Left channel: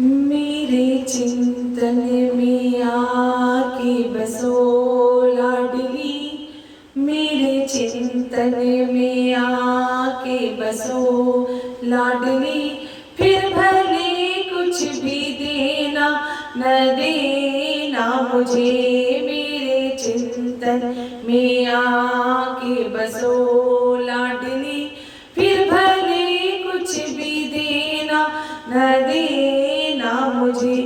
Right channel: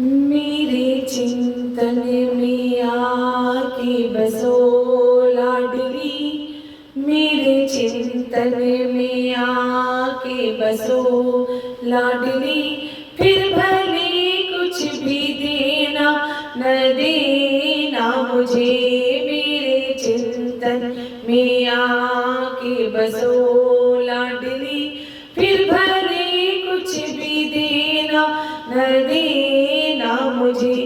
मेरे चिंतन में आके बसो लाडली, मेरे चिंतन में आके बसो लाडली। फिर भले कुछ भी देना न देना मुझे, मेरे चिंतन में आके बसो लाडली। फिर भले कुछ भी देना न देना मुझे,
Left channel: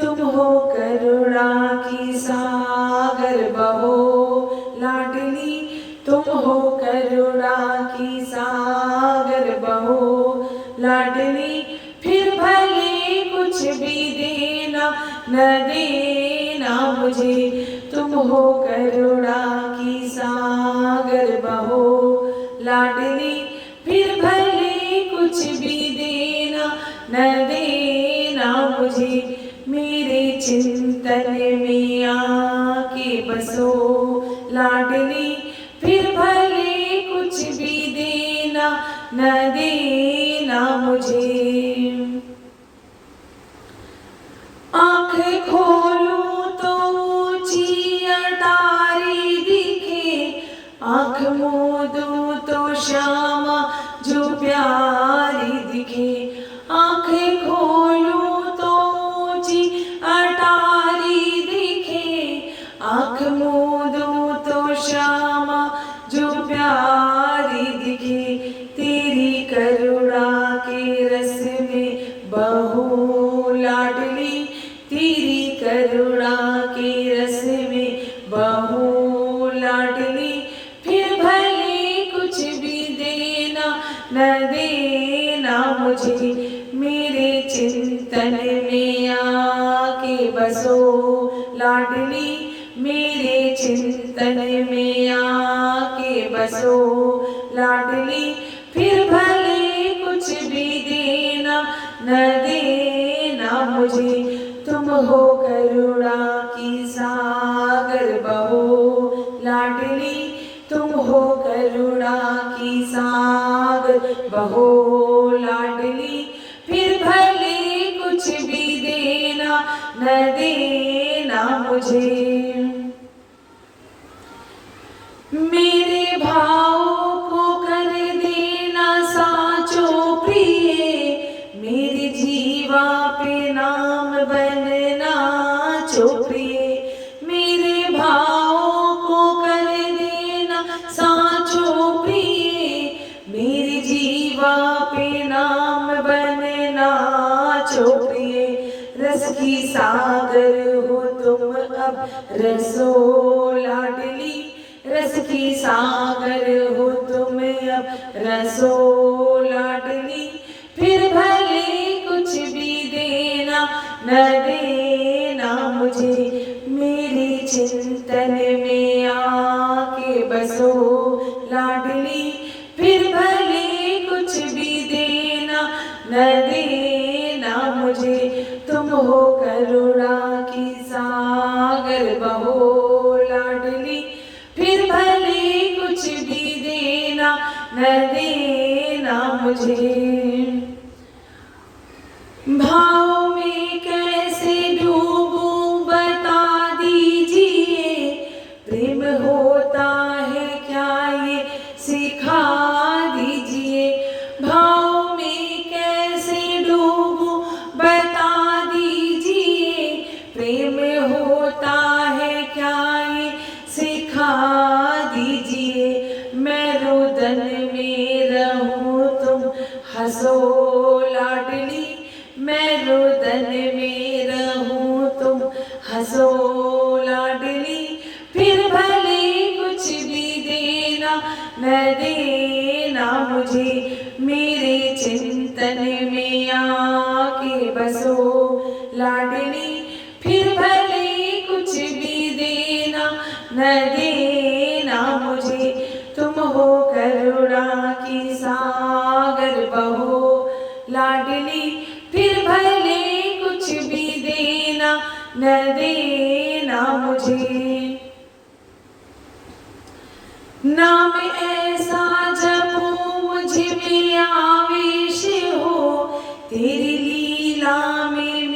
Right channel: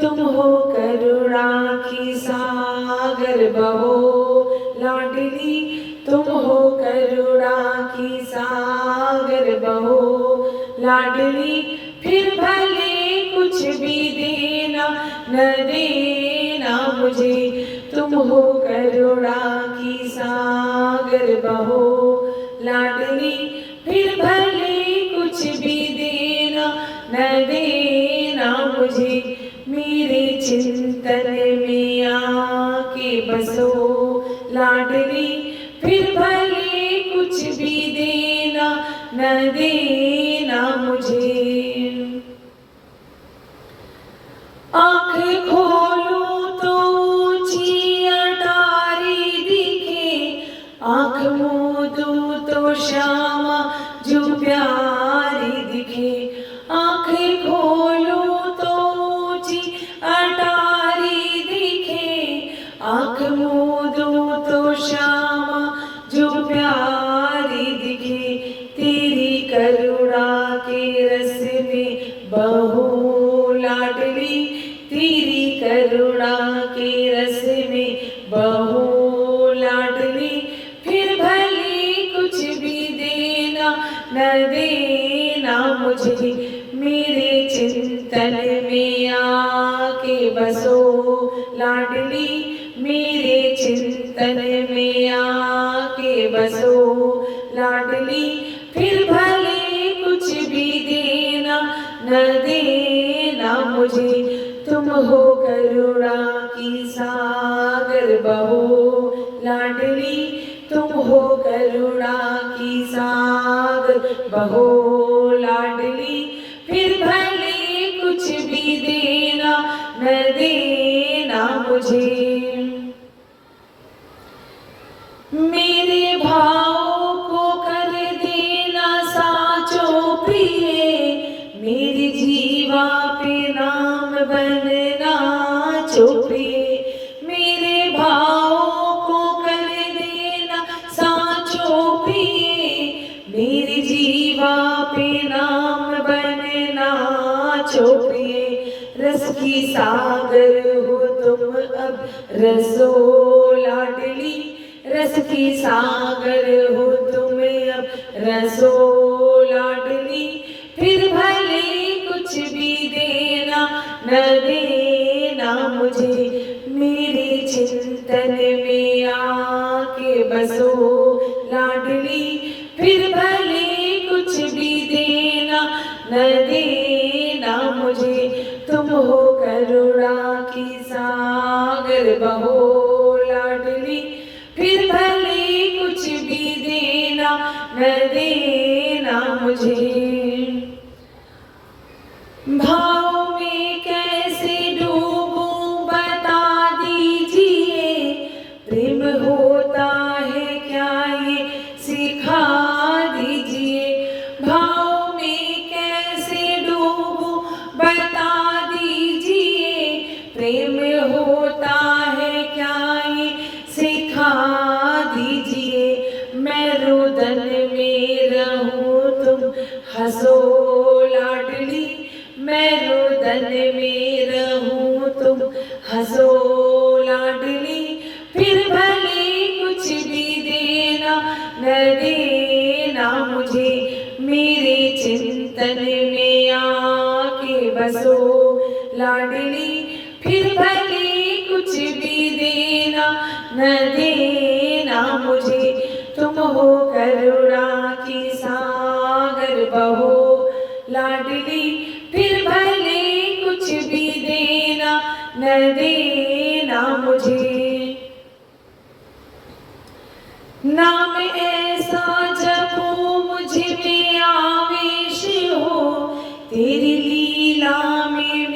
तुम हो करुणा की सागर बहो लाडली, तुम हो करुणा की सागर बहो लाडली। फिर भले कुछ भी देना न देना मुझे, तुम हो करुणा की सागर बहो लाडली। फिर भले कुछ भी देना न देना मुझे, मेरे चिंतन में आके बसो लाडली। फिर भले कुछ भी देना न देना मुझे। आँख खोलूं तो ऊंची अटारी दिखे, आँख मूंदूं तो श्यामा जो प्यारी दिखे। आँखें खोलूं तो ऊंची अटारी दिखे, आँख मूंदूं तो श्यामा जो प्यारी दिखे। तेरी करुणा के रस में बहो लाडली, तेरी करुणा के रस में बहो लाडली। फिर भले कुछ भी देना न देना मुझे, मेरे चिंतन में आके बसो लाडली, मेरे चिंतन में आके बसो लाडली। फिर भले कुछ भी देना न देना मुझे, तुम हो करुणा की सागर बहो लाडली, तुम हो करुणा की सागर बहो लाडली। फिर भले कुछ भी देना न देना मुझे, मेरे भाव को कर देना साचो प्रिय, मेरे जीवा पे नाम बनना चोप्रिय। मेरे भाव को कर देना साचो प्रिय, मेरे जीवा पे नाम बनना चोप्रिय। रस की सागर हो तुम अब रसो लाडली, रस की सागर हो तुम अब रसो लाडली। फिर भले कुछ भी देना न देना मुझे, मेरे चिंतन में आके बसो लाडली। फिर भले कुछ भी देना न देना मुझे, तुम हो करुणा की सागर बहो लाडली। फिर भले कुछ भी देना न देना मुझे। भाव में कैसे डूबूं बता दीजिए, प्रेम होता है क्या ये सिखा दीजिए। भाव में कैसे डूबूं बता दीजिए, प्रेम होता है क्या ये सिखा दीजिए। मैं रुदन में रहूं तुम हंसो लाडली, मैं रुदन में रहूं तुम हंसो लाडली। फिर भले कुछ भी देना न देना मुझे, मेरे चिंतन में आके बसो लाडली। फिर भले कुछ भी देना न देना मुझे, तुम हो करुणा की सागर बहो लाडली। फिर भले कुछ भी देना न देना मुझे, नाम ऐसा जपो मुझ में आवेश हो, तेरी लीला में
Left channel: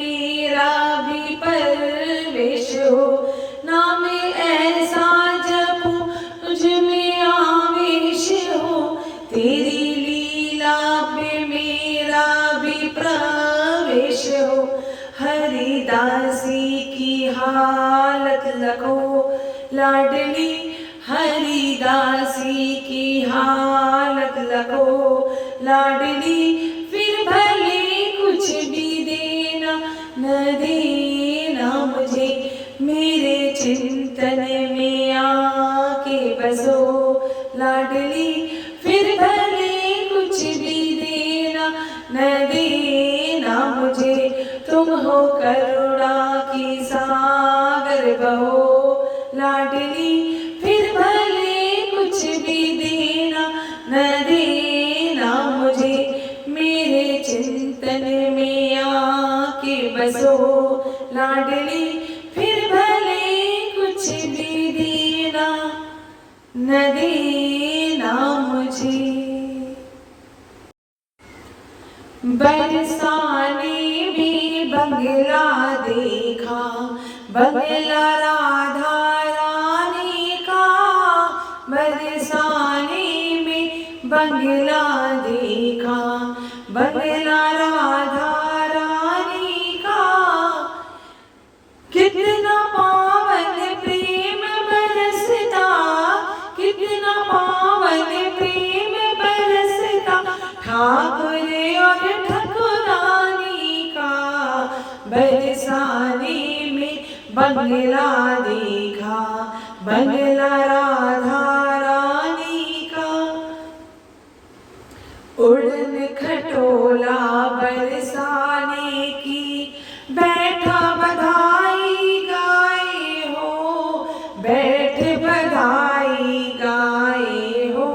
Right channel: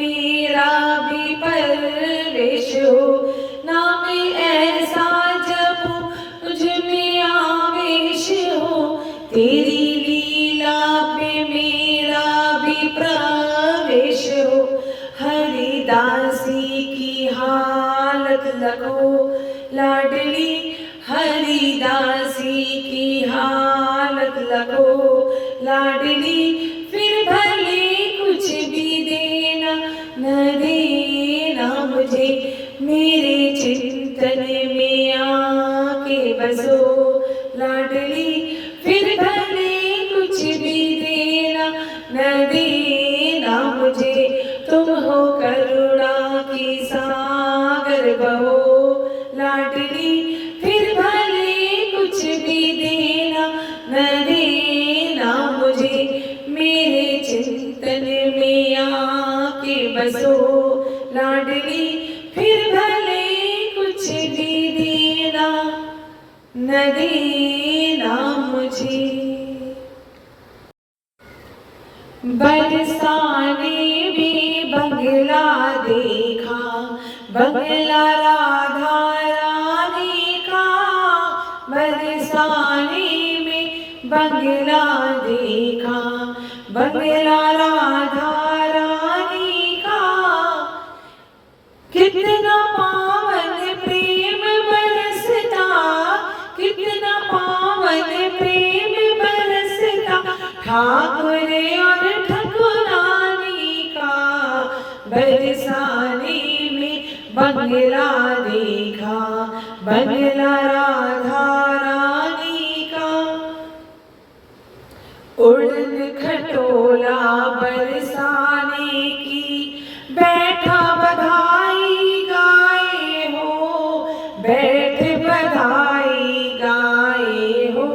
लाडली, फिर भले कुछ भी देना न देना मुझे, मेरे चिंतन में आके बसो लाडली, फिर भले कुछ भी देना न देना मुझे, तुम हो करुणा की सागर बहो लाडली, फिर भले कुछ भी देना न देना मुझे, मेरे चिंतन में आके बसो लाडली, फिर भले कुछ भी देना न देना मुझे। बरसाने में बंगला देखा, बंगला राधा रानी का, बरसाने में बंगला देखा, बंगला राधा रानी का, कितना पावन प्रेम बरसता, कितना पावन प्रेम बरसता, ठाकुर और ठकुरानी का, बरसाने में बंगला देखा, बंगला राधा रानी का, उड़न खटोला बरसाने की, बैठा बधाई गाए हो, बैठ बधाई गाए हो,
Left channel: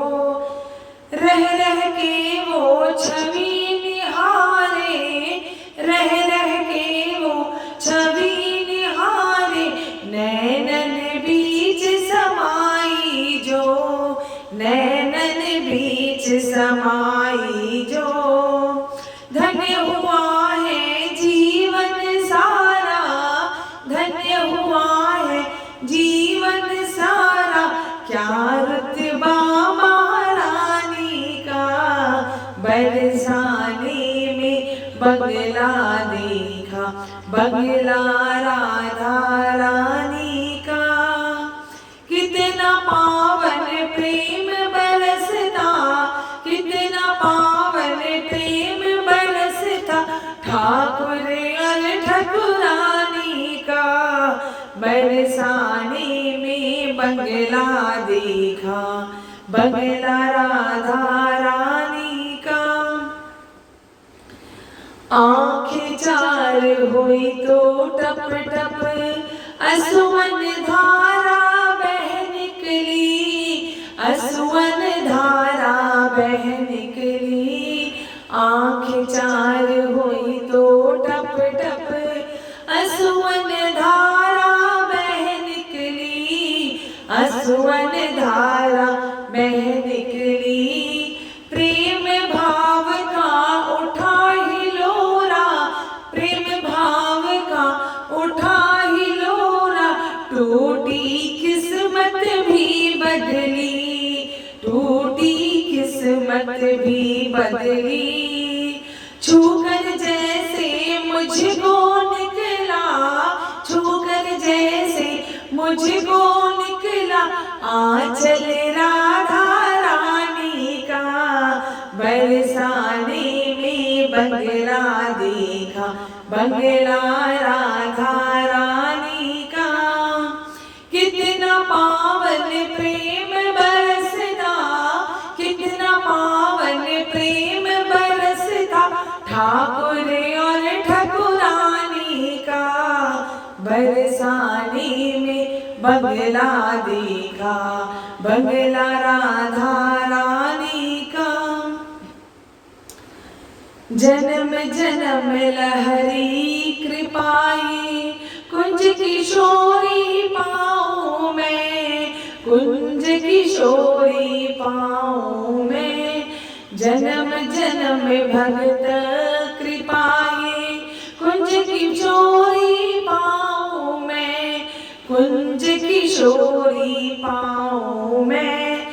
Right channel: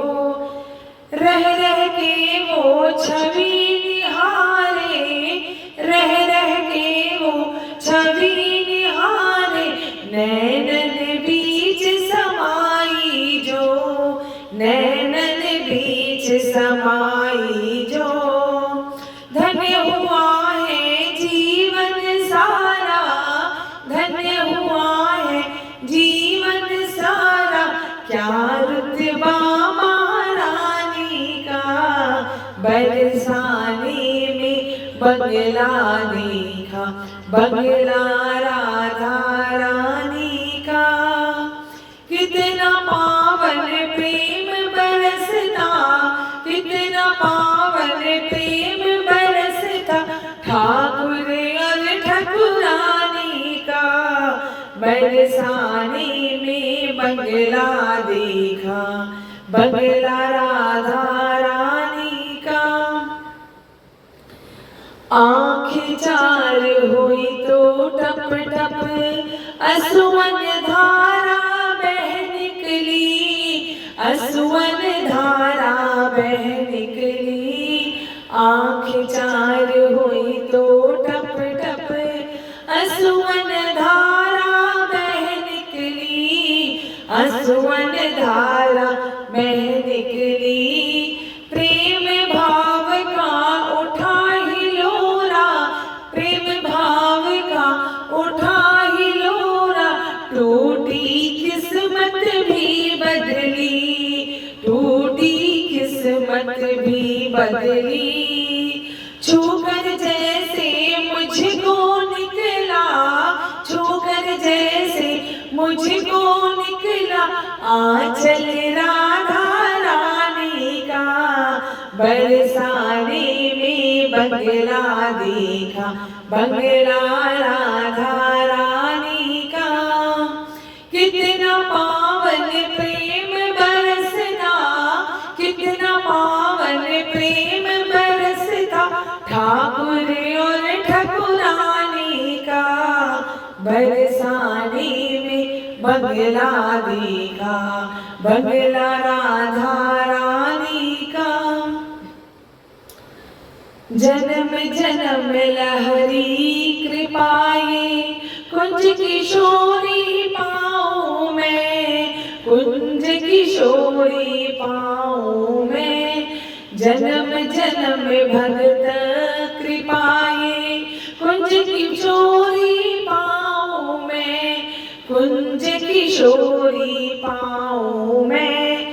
रह रह के वो छवि निहारे, रह रह के वो छवि निहारे, नैनन बीच समाई जो, नैनन बीच समाई जो, धन्य हुआ है जीवन सारा, धन्य हुआ है जीवन सारा, क्या रुतबा महारानी का, बरसाने में बंगला देखा, बंगला राधा रानी का, कितना पावन प्रेम बरसता, कितना पावन प्रेम बरसता, ठाकुर और ठकुरानी का, बरसाने में बंगला देखा, बंगला राधा रानी का, आँखें चार हुई तो टप टप असुवन धारा बह निकली, असुवन धारा बह निकली, आँखें चार हुई तो टप टप असुवन धारा बह निकली, असुवन धारा बह निकली, प्रेम भाव का उठा हिलोरा, प्रेम भाव का उठा हिलोरा, टूटी किस्मत भी बदली, टूटी किस्मत भी बदली, छूकर जैसे मुझको निकला, छूकर जैसे मुझको निकला, आंचल राधा रानी का, बरसाने में बंगला देखा, बंगला राधा रानी का, कितना पावन प्रेम बरसता, कितना पावन प्रेम बरसता, ठाकुर और ठकुरानी का, बरसाने में बंगला देखा, बंगला राधा रानी का, जन्म जन्म लहरी कृपाए, कुंज किशोरी पाऊं मैं, कुंज किशोरी पाऊं मैं, जन्म जन्म भगत कृपाए, कुंज किशोरी पाऊं मैं, कुंज किशोरी पाऊं मैं,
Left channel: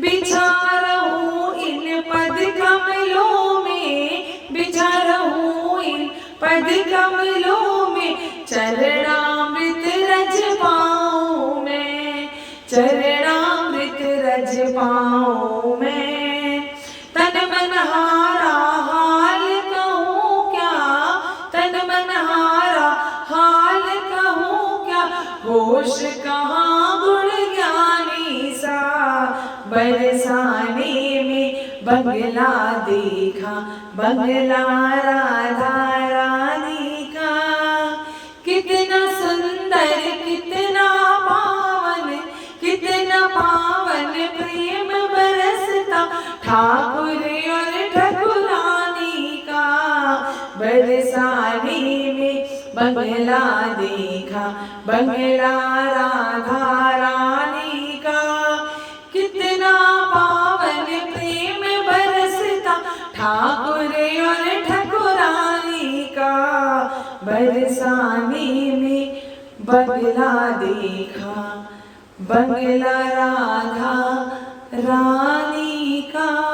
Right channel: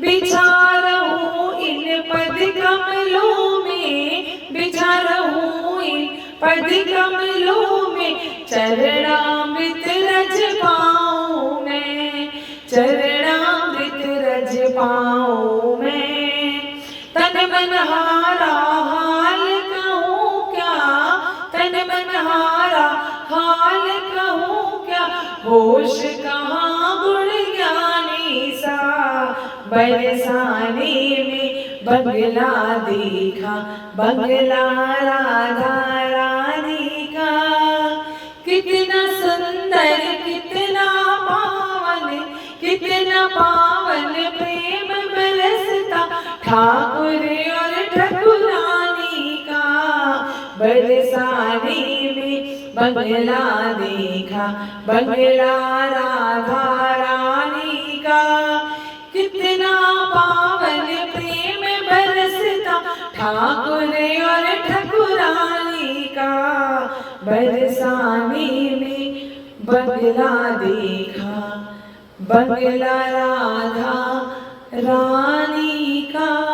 बिछा रहूं इन पद कमलों में, बिछा रहूं इन पद कमलों में, चरणामृत रज पाऊं मैं, चरणामृत रज पाऊं मैं, तन मन हारा होश कहाँ गुण ज्ञानी सा, बरसाने में बंगला देखा, बंगला राधा रानी का। कितना सुंदर कितना पावन, कितना पावन प्रेम बरसता ठाकुर और ठकुरानी का। बरसाने में बंगला देखा, बंगला राधा रानी का। कितना पावन प्रेम बरसता ठाकुर और ठकुरानी का। बरसाने में बंगला देखा, बंगला राधा रानी का।